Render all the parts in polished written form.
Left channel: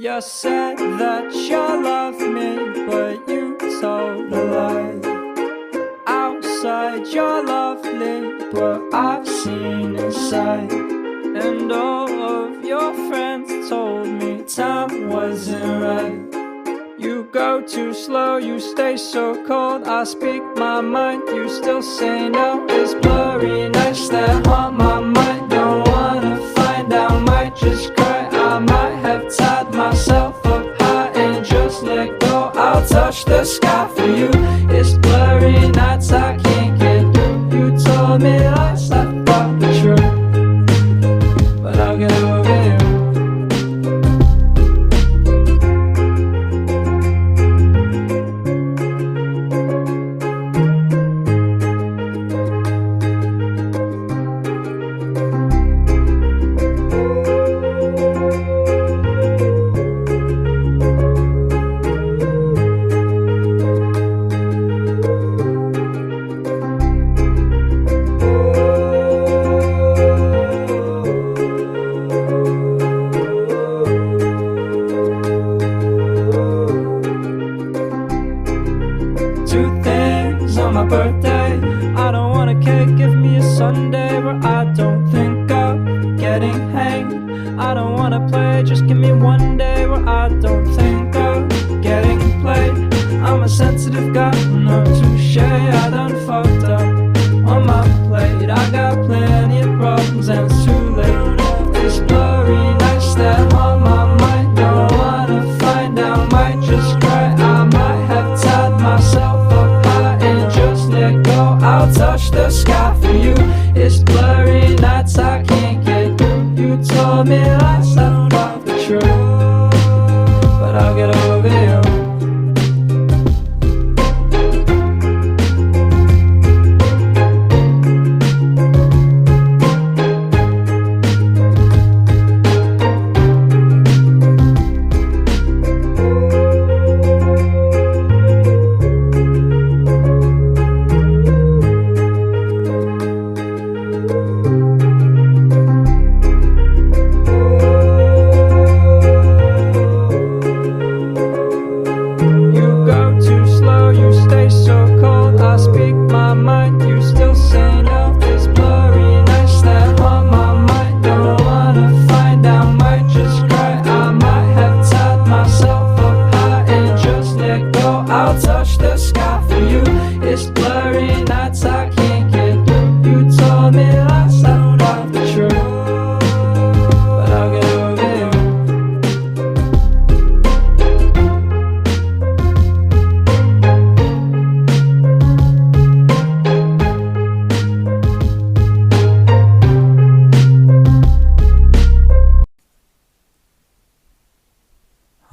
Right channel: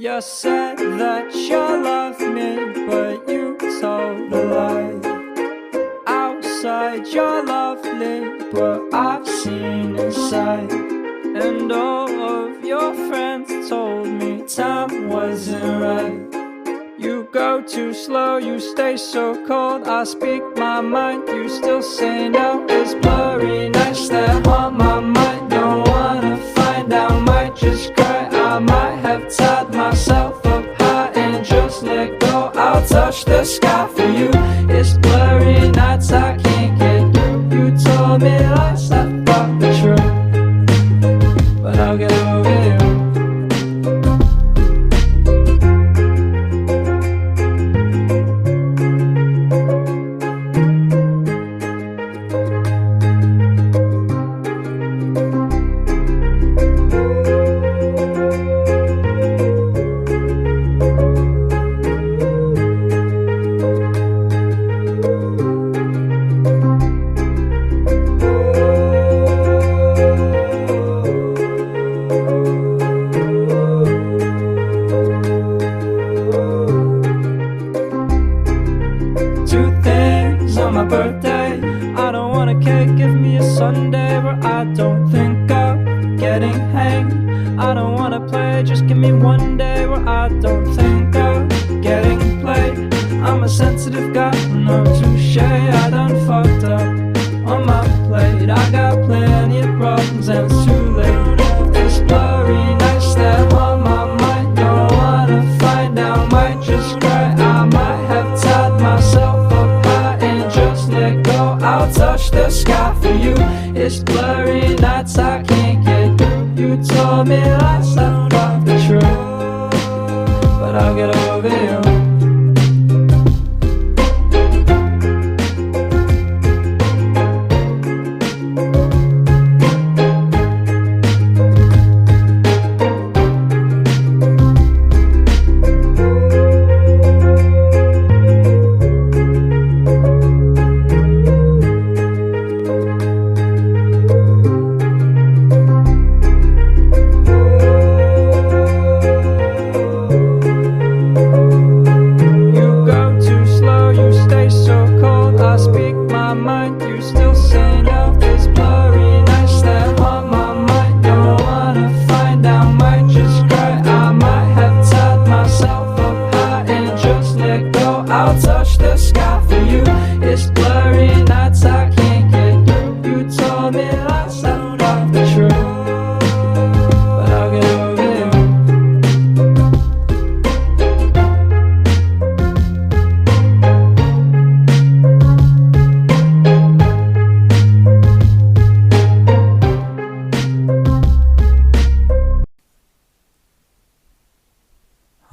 You said that you loved me, but you told a lie. Outside you're lovely, but I've seen inside. And all of your friends told me time wasn't right. You go too slow, you stay so cold. I speak my mind, you still say no. It's blurry nights that haunt my mind. Don't wanna find out, might just cry. I might have tied myself up high and just let go. I'll touch the sky for you. It's blurry nights I can't get through. You told me lies, I thought were true, but I'll get over you. Two things on my birthday. I don't want a cake, give me a sundae where I don't think of getting hanged. I don't wanna play, just give me one day where I don't think of getting played. I'm a sensitive guy, no touche. I done fucked up on my plate. I got plenty of problems and it's too late. It's blurry nights that haunt my mind. Don't wanna find out, might just cry. I might have tied myself let go, I'll touch the sky for you. It's blurry nights I can't get through. You told me lies, I thought the truth, but I'll get over you. Mind, you still say no. It's blurry nights that haunt my mind. Don't wanna find out, might just cry. I might have tied myself up high and just let go. I'll touch the sky for you. It's blurry nights I can't get through. You told me lies, I thought the truth, but I'll get over you.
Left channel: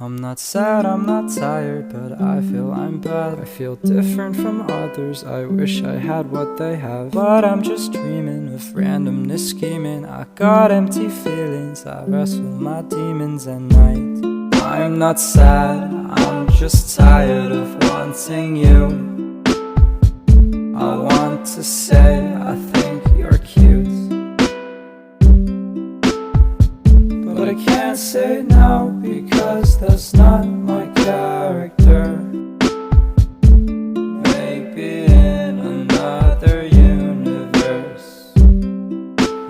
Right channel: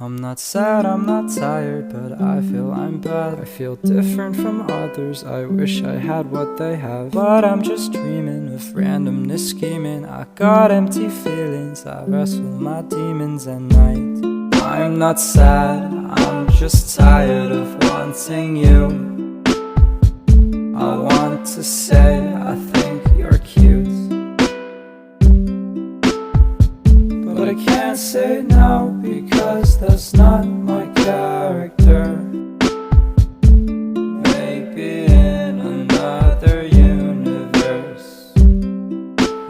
I'm not sad, I'm not tired, but I feel I'm bad. I feel different from others, I wish I had what they have. But I'm just dreaming of randomness scheming. I got empty feelings, I wrestle my demons at night. I'm not sad, I'm just tired of wanting you. I want to say I think you're cute, but I can't say no because that's not my character. Maybe in another universe.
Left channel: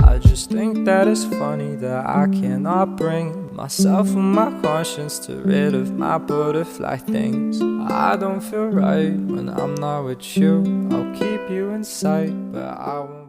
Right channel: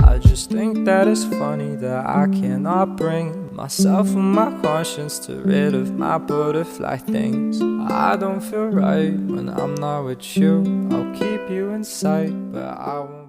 I just think that it's funny that I cannot bring myself and my conscience to rid of my butterfly things. I don't feel right when I'm not with you. I'll keep you in sight, but I won't